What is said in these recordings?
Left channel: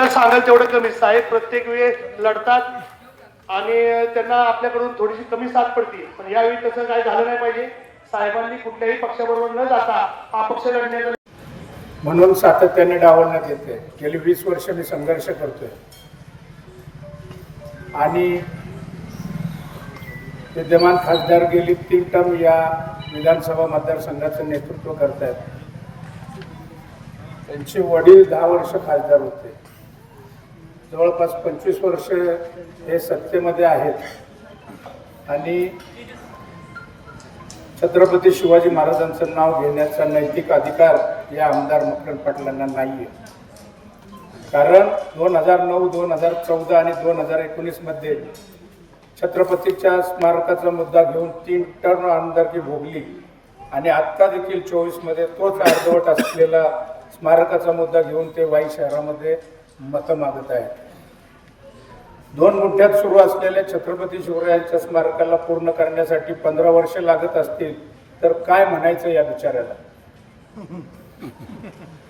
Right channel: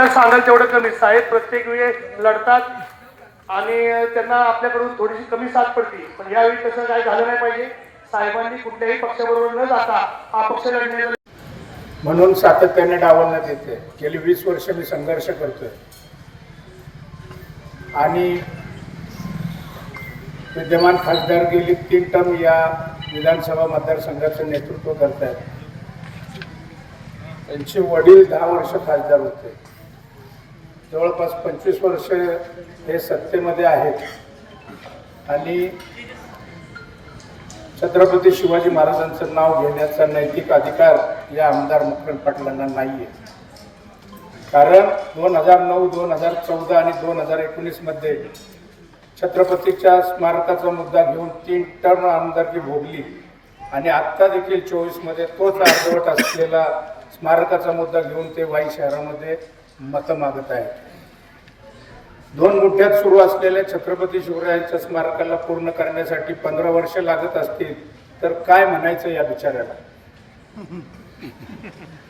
आपल्याला सांगाल तेवढं कमी. साहेब प्रत्येक वेळी लढतात आणि त्यांना आपल्याकडून थोडीशी कमी साथ पडते. पण यावेळी तसं काय झालं नाही पाहिजे. साहेबांनी कुठल्याही पक्षाबरोबर न जाता अपक्ष लढण्याचा म्हणून सातत्याने डावलण्यात येते गेली वीस वर्ष मी संघर्ष करतोय. आणि विद्यमान खासदार गेली तीन टर्म या विधानसभा मतदारसंघाचं नेतृत्व करत आहेत त्यांचे वडील दहा वर्ष खासदार होते. जवळपास पंचवीस वर्ष हे सत्तेमध्ये आहेत. आणि छत्रपती शिवाजी महाराजांचं नाव घेण्याचा नैतिक अधिकार या आमदार मकरंद पाटलांना नाहीये. कारण दोन हजार नऊ दोन हजार चौदा आणि दोन हजार एकोणीसमध्ये छत्रपतीच्या स्मारकाचा मुद्दा घेऊन तीन टर्न आमदारकी भोगली. आणि आत्ता देखील चोवीसमध्ये तोच अर्धवट असलेला स्मारकाचा मुद्दा घेऊन ते वाई शहरामध्ये मतं मागत आहेत दोन गुंठ्यात सुरू असलेल्या छत्रपती शिवरायांच्या स्मारकाला पूर्ण करण्यासाठी पंधरा वर्ष लागत असतील तर काय म्हणायचं या बिचाऱ्याला?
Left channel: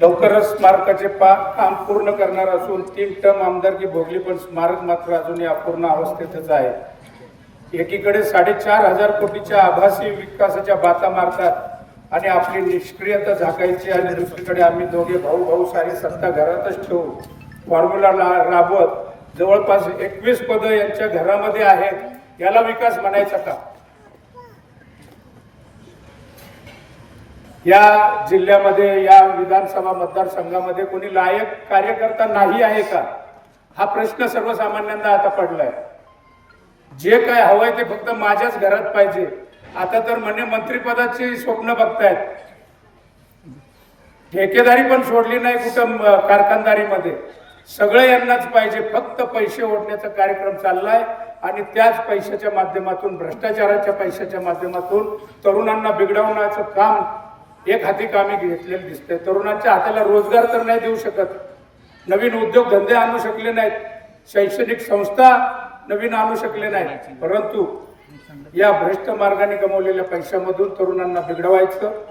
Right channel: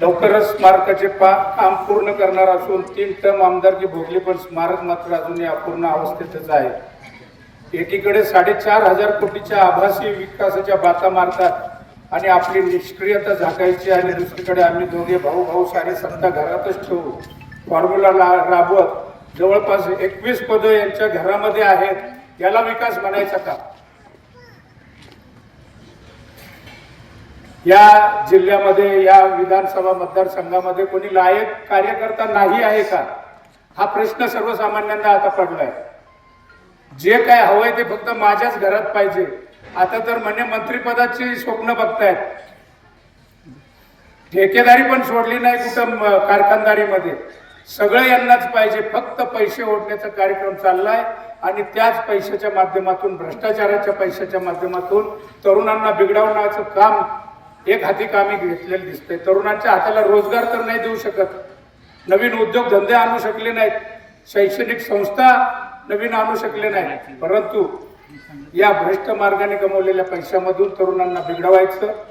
लवकरच स्मारकाचे पा काम पूर्ण करणार असून तीन टर्म आमदारकी भोगली पण स्मारक मात्र अजूनही अपूर्ण अवस्थेतच आहे. एकीकडे साडेचार हजार कोटीच्या आभासी विकासाच्या बाता मारतात आणि आपली निष्क्रियता झाकायची आणि दुसरीकडे आम्ही दोघे भाऊ भाऊ सारी सत्ता घरातच ठेवू. फॉर्म्युला राबवत जवळपास एकवीस पदं यांच्या घरामध्ये आहेत. याला विकास म्हणायचा का? या जिल्ह्यामध्ये या विधानसभा मतदारसंघामध्ये कोणी लायक कार्यकर्ता नाही आहे का? हा प्रश्न सर्वसामान्यांना आता पडलाय. जे काय हवंय ते फक्त माझ्याच घरात पाहिजे. आता तर म्हणे मंत्रिपदाची स्वप्न बघतायत. ठेकेदारी पण सोडली नाही कुठं कारखानदारीमध्ये. सगळं यांनाच पाहिजे. फक्त पैसे ओढण्याचा कार्यक्रम चाललाय आणि त्याच पैशाच्या माध्यमातून भ्रष्टाचाराच्या पैशाच्या माध्यमातून तरुणांना बिघडवण्याचं काम एक हाती कामी घेतलेलं दिसतंय. तरुणांच्या हाताला रोजगार तर नाही देऊ शकत. नवीन उद्योग धंदे आणू शकले नाहीत. शैक्षणिक संस्था नवीन आणू शकले नाहीत. परंतु या भ्रष्ट मार्गाने कमवलेल्या पैशामधून तरुणांना बिघडवायचं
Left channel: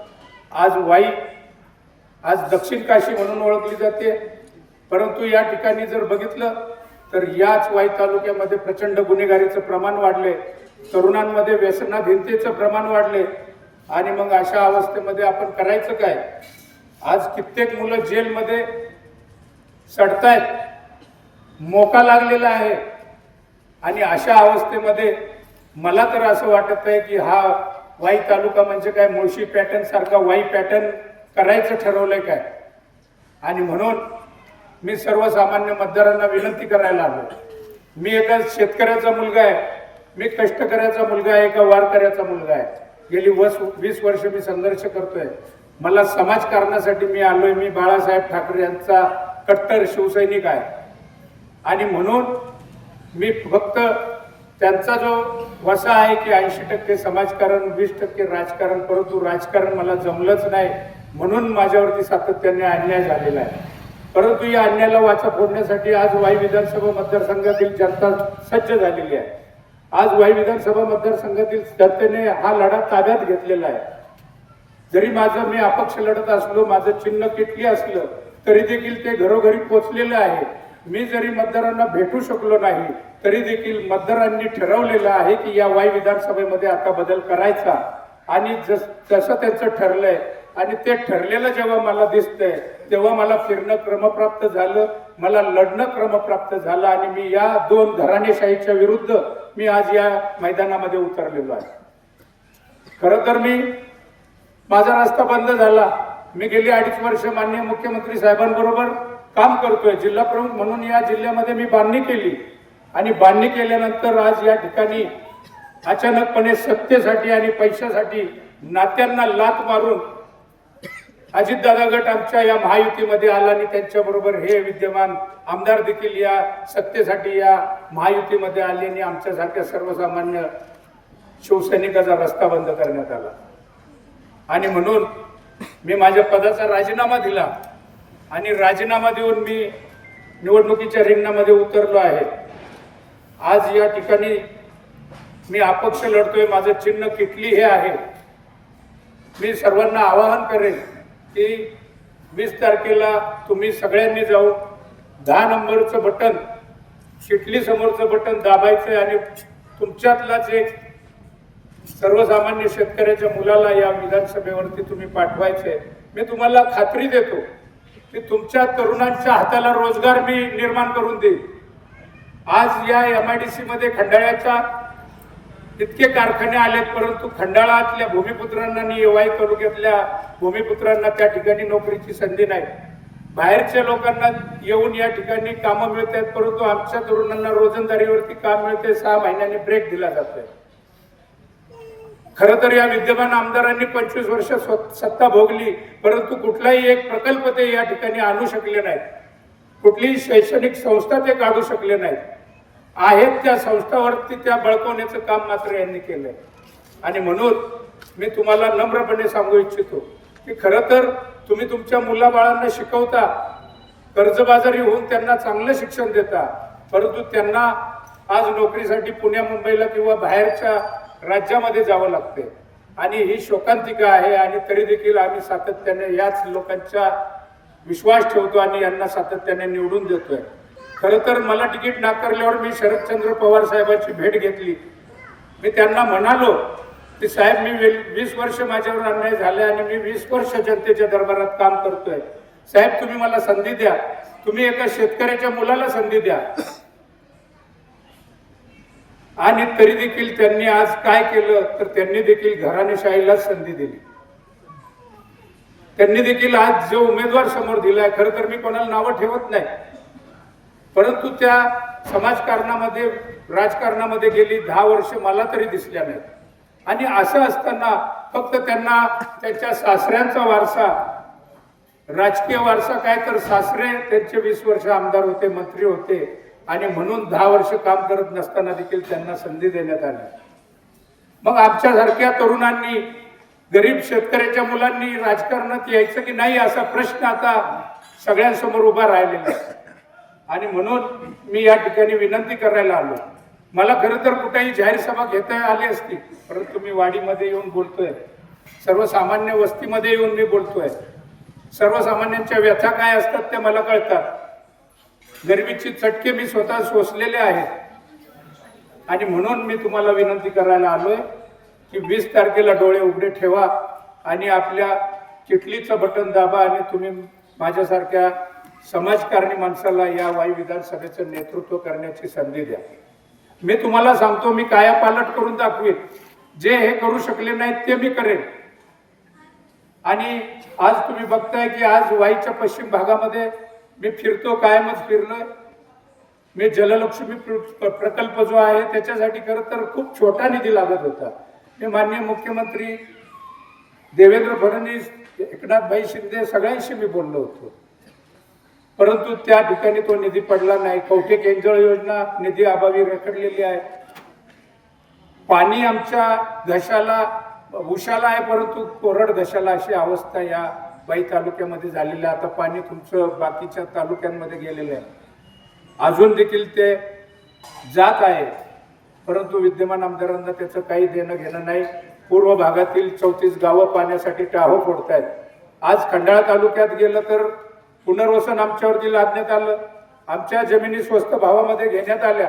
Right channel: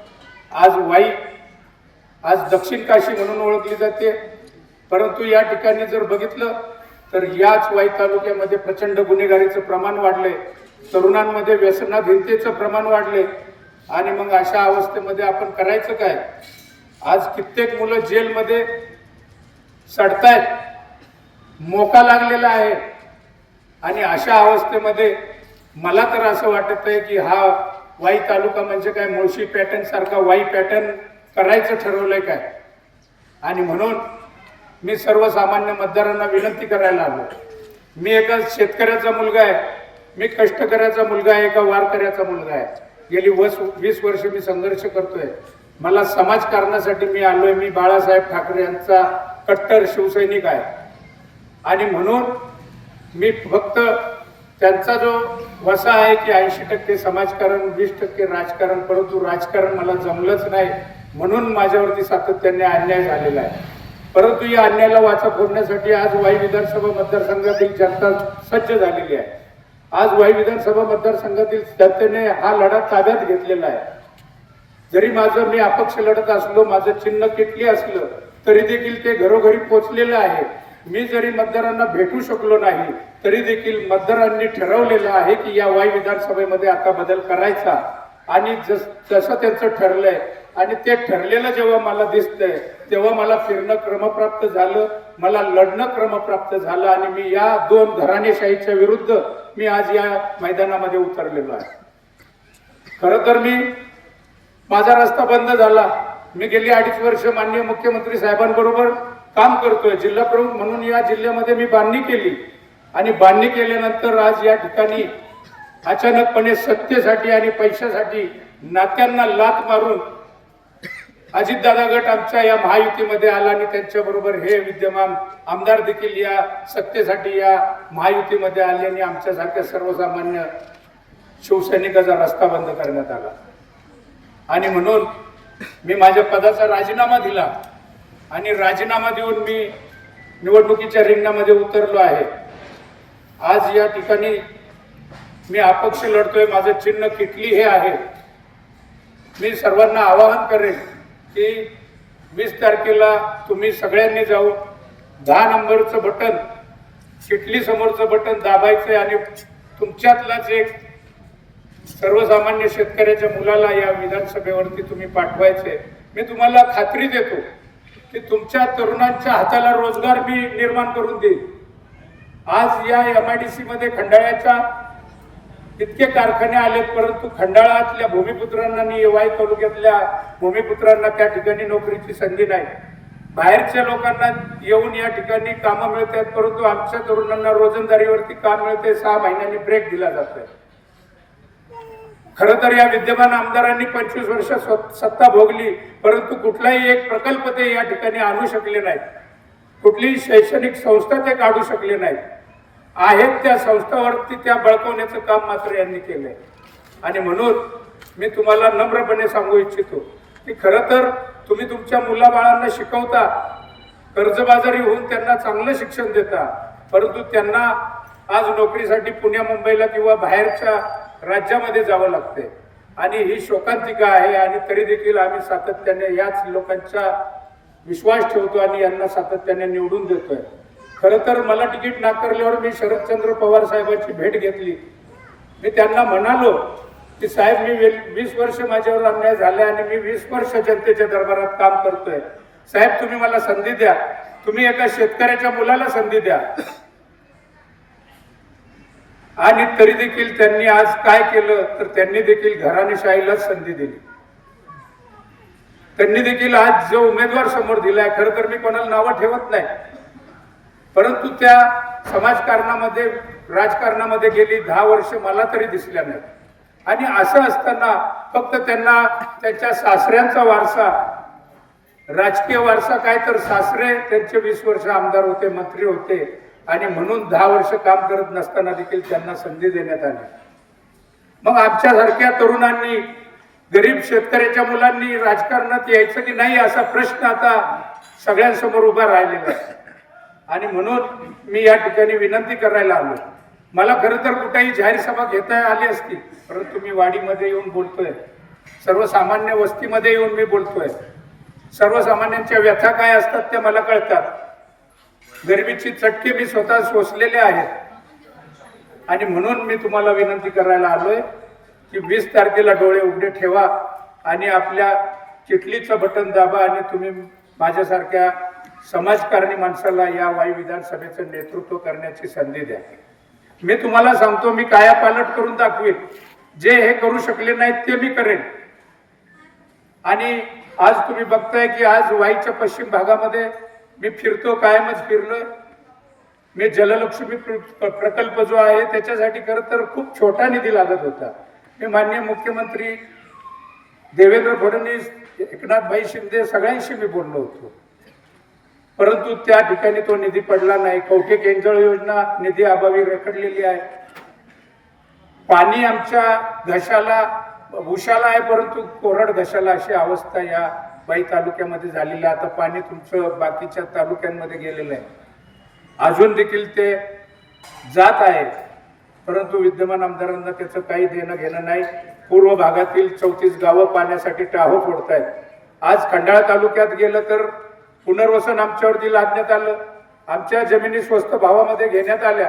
आज वाई आज दक्षिण काशी म्हणून ओळखली जाते. परंतु या ठिकाणी जर बघितलं तर याच वाई तालुक्यामध्ये प्रचंड गुन्हेगारीचं प्रमाण वाढले तरुणांमध्ये व्यसनाधीनतेचं प्रमाण वाढले आणि मग अशा अवस्थेमध्ये आपण करायचं काय? आज कित्येक मुलं जेलमध्ये सडतायत. मोका लागलेला आहे. आणि अशा अवस्थेमध्ये मला तर असं वाटत आहे की हा वाई तालुका म्हणजे काय? मुळशी पॅटर्न सारखा वाई पॅटर्न करायचं ठरवलंय काय? आणि म्हणून मी सर्वसामान्य मतदारांना विनंती करायला आलो. मी एका शेतकऱ्याचा मुलगा आहे. मी कष्टकऱ्याचा मुलगा आहे एका वारकऱ्याचा मुलगा आहे? गेली वस वीस वर्ष मी संघर्ष करतोय. मला समाजकारणासाठी मी आलोय. मी बाळासाहेब ठाकरे यांचा कट्टर शिवसैनिक आहे. आणि म्हणून मी फक्त त्यांचा जो वसा आहे की ऐंशी टक्के समाजकारण वीस टक्के राजकारण परंतु राजकारण मला जमलंच नाही. म्हणून माझ्यावरती सातत्याने अन्याय झालेला आहे. परंतु या अन्यायाला वाचा फोडण्यासाठी आज वाई विधानसभा मतदारसंघातील जनता सज्ज झालेली आहे. आज वाई विधानसभा मतदारसंघातील जनतेने हा लढा ताब्यात घेतलेला आहे. जरी माझं मी अपक्ष लढत असलो माझं चिन्ह किटली असलं तरी देखील ते घरोघरी पोचलेलं आहे. मी जरी मतदारांना भेटू शकलो नाही तरी देखील मतदारांनी ठरवलेलं आहे की या वाई विधानसभेमध्ये आता बदल करायचा. आणि जस जसं त्यांचं ठरलंय आणि ते ठरलेलं जेव्हा मला दिसतंय तेव्हा मला फिरणं क्रमप्राप्त झालं मला लढणं क्रमप्राप्त झालं आणि मी या दोन घराणेशाहीच्या विरुद्ध मी आज या मैदानामध्ये उतरलेलो आहे. खरं तर मी माझा रस्ता बंद झाला. मी गेली अडीच वर्ष माननीय मुख्यमंत्री साहेबांबरोबर काम करतोय जिल्हा प्रमुख म्हणून या जिल्ह्यामध्ये मी बांधणी केली. आणि बांधणी केल्यानंतर आज या ठिकाणी अचानकपणे सत्तेसाठी आणि पैशासाठी नात्यांना लात मारून अजितदादा गट आमच्या या महायुतीमध्ये आला आणि त्यांच्याबरोबर हे विद्यमान आमदार देखील या सत्तेसाठी या महायुतीमध्ये आले आणि आमच्यासारख्या सर्वसामान्य शिवसैनिकाचा रस्ता बंद करण्यात आला. आणि म्हणून मी माझ्या पदाचा राजीनामा दिला आणि राजीनामा देऊन मी निवडणुकीच्या रिंगणामध्ये उतरलो आहे. आज या ठिकाणी मी अपक्ष लढतोय माझं चिन्ह किटली हे आहे. मी सर्वांना आवाहन करेन की वीस तारखेला तुम्ही सगळ्यांनी जाऊन दहा नंबरचं बटन शिटली समोरचं बटन दाबायचं आणि तुमच्यातलाच एक सर्वसामान्य शेतकऱ्याच्या मुलाला या विधानसभेवरती तुम्ही पाठवायचे मी तुम्हाला खात्री देतो की तुमच्या तरुणांच्या हाताला रोजगार मी निर्माण करून देईन. आज या एम आय डी सी मध्ये खंडाळ्याच्या इतके कारखाने आलेत परंतु खंडाळातल्या भूमिपुत्रांना आणि येवाई तालुक्यातल्या भूमिपुत्रांना त्या ठिकाणी नोकरीची संधी नाही. बाहेरच्या लोकांना येऊन या ठिकाणी कामं मिळत आहेत परंतु आमच्या तरुणांना रोजंदारीवरती काम मिळते सहा महिन्यांनी ब्रेक दिला जातोय. खरं तर या विद्यमान आमदारांनी पंचवीस वर्ष सत्ता भोगली परंतु कुठलाही एक प्रकल्प ते या ठिकाणी आणू शकले नाहीत. कुठलीही शैक्षणिक संस्था ते काढू शकले नाहीत. आहेत त्या संस्थावरती त्या बळकवण्याचं काम मात्र यांनी केलंय. आणि म्हणून मी तुम्हाला नम्रपणे सांगू इच्छितो की खरं तर तुम्ही तुमच्या मुलाबाळांना शिकवता कर्जबाजारी होऊन त्यांना चांगलं शिक्षण देता परंतु त्यांना आज नोकरीसाठी पुण्या मुंबईला किंवा बाहेरच्या राज्यामध्ये जावं लागते आणि ही शोकांतिका आहे आणि तरी देखील आम्ही सातत्याने याच लोकांचा विश्वास ठेवतो आणि यांना सातत्याने निवडून देतोय. खरं तर मला तिकीट नाकारल्यावर मी शरदचंद्र पवार साहेबांची भेट घेतली. मी त्यांना म्हणालो की साहेब मी वीस वर्ष माझ्यावर अन्याय झाले आणि मी वीस वर्ष जनतेच्या दरबारात काम करतोय. साहेब तुम्ही मला संधी द्या. तुम्ही एका शेतकऱ्याच्या मुलाला संधी द्या. आणि तरी देखील त्यांनी आज काय केलं तर त्यांनी देखील घराणेशाहीलाच संधी दिली. त्यांनी देखील आज जो उमेदवार समोर दिलाय खरं तर मी कोणाला नावं ठेवत नाही. परंतु त्या समाजकारणामध्ये राजकारणामध्ये गेली दहा वर्ष मला तरी दिसल्या नाहीत. आणि असं असताना फक्त त्यांना त्यांच्या सासऱ्यांचा वारसा राजकीय वारसा काय तर सासरे त्यांचे वीस वर्ष आमदार होते मंत्री होते आणि म्हणून दहा वर्ष काम करत नसताना देखील त्यांना संधी देण्यात आली. मग आमच्यासारख्या तरुणांनी गरीब शेतकऱ्याच्या मुलांनी राजकारणात यायचं की नाही असा प्रश्न आता सगळ्यांसमोर उभा राहिलेला आहे. आणि म्हणून मी या ठिकाणी विनंती करायला आलो. मला खरं तर कुठेही जाहीर सभा घेता आली असती परंतु मी वाडीमध्ये येऊन बोलतोय. सर्वसामान्य वस्तीमध्ये येऊन मी बोलतोय. सर्वसामान्यांच्या व्यथा काय असतात ते मला कळतात. गरिबीची चटके मी स्वतः सोसलेले आहेत. आणि म्हणून मी तुम्हाला विनंती करायला आलोय की वीस तारखेला डोळे उघडे ठेवा आणि आपल्या चिटलीचं बटन दाबा आणि तुम्ही माझ्यासारख्या समाजकारणी माणसाला या वायू विधानसभेचं नेतृत्व करण्याची संधी द्या. मी तुम्हाला सांगतो मी कायापालट करून दाखवेन. जे हे करू शकले नाहीत ते मी करेन. आणि आज तुम्ही बघताय की आज वाईच्या पश्चिम भागामध्ये मी फिरतो कायमच फिरलोय. मी जललक्ष्मी प्र- प्रकल्प जो आहे त्याच्यासाठी खरं तर खूप छोटा निधी लागत होता. मी माननीय मुख्यमंत्री देवेंद्र फडणवीस एकनाथभाई शिंदे सगळ्यांशी मी बोललो होतो. परंतु त्या ठिकाणी तो निधी पडला नाही. कवठे केंजळ योजना निधी अभावी रखडलेली आहे. पाणी आमच्या घशाला उशाला आहे परंतु कोरड घशाला अशी अवस्था या बाई तालुक्यामध्ये झालेली आहे. आता पाणी तुमचं बाकीच्या तालुक्यांमध्ये गेलेलं आहे. अजून देखील ते जात आहे. परंतु विद्यमान आमदारांना त्याचं काही देणं घेणं नाही. पूर्व भागातील चौतीस गावं पाण्यासाठी टाहो फोडतायत. आज खंडाळा तालुक्यात गेलं तर पुनर्वसन आमच्यावरती लादण्यात आलं. आमच्या जमिनी स्वस्त भावामध्ये घेण्यात आल्या.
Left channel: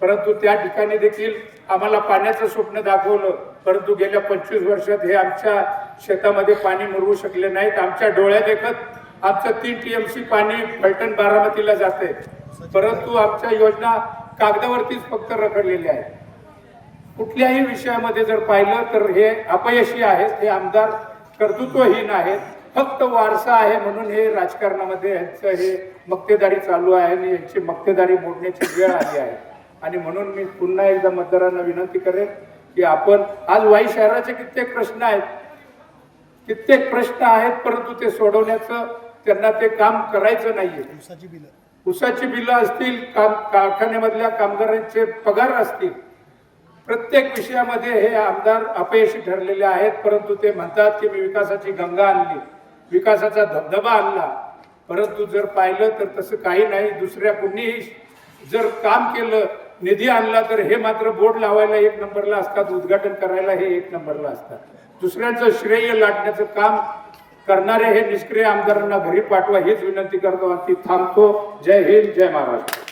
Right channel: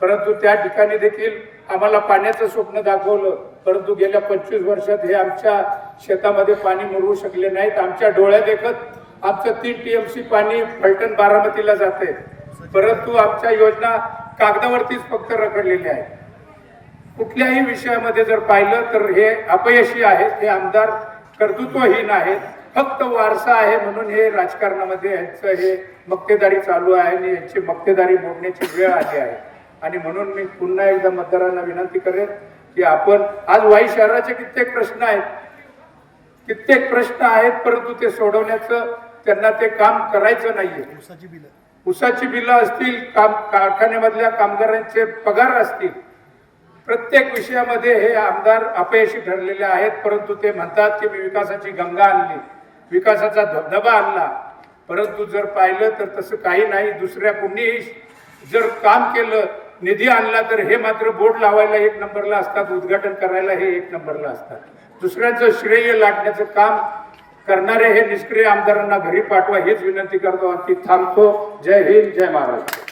परंतु त्या ठिकाणी देखील आम्हाला पाण्याचं स्वप्न दाखवलं. परंतु गेल्या पंचवीस वर्षात हे आमच्या शेतामध्ये पाणी मिळवू शकले नाहीत. आमच्या डोळ्या देखत आमचं तीन टीएमसी पाणी फलटण बारामतीला जाते परंतु आमच्या योजना कागदावरतीच फक्त रखडलेल्या आहेत. कुठल्याही विषयामध्ये जर पाहिलं तर हे अपयशी आहेत. हे आमदार कर्तृत्वहीन आहेत. फक्त वारसा आहे म्हणून हे राजकारणामध्ये यांचं हे मक्तेदारी चालू आहे आणि यांची मक्तेदारी मोडण्याची वेळ आली आहे. आणि म्हणून मी पुन्हा एकदा मतदारांना विनंती करेन की आपण आज वाई शहराचे कित्येक प्रश्न आहेत. कित्येक प्रश्न आहेत परंतु ते सोडवण्याचं त्यांना ते काम करायचं नाहीये. उसाची बिलं. असतील काम कारखान्यामधल्या कामगारांचे पगार असतील. प्रत्येक विषयामध्ये हे आमदार अपयशी ठरलेले आहेत परंतु ते म्हणतात की मी विकासाची गंगा आणली. विकासाचा धबधबा आणला. परंतु जर पाहिलं तर तसं काही नाही दुसऱ्या कुणीही जर काम केलं निधी आणला तर हे मात्र बोर्ड लावायला एक नंबरला असतात उद्घाटन करायला हे एक नंबरला असतात. दुसऱ्यांचं श्रेय लाटण्याचं काम करणारे हे निष्क्रिय आमदारांना घरी पाठवा हेच विनंती करतो. आणि ती थांबतो. जय हिंद जय महाराष्ट्र.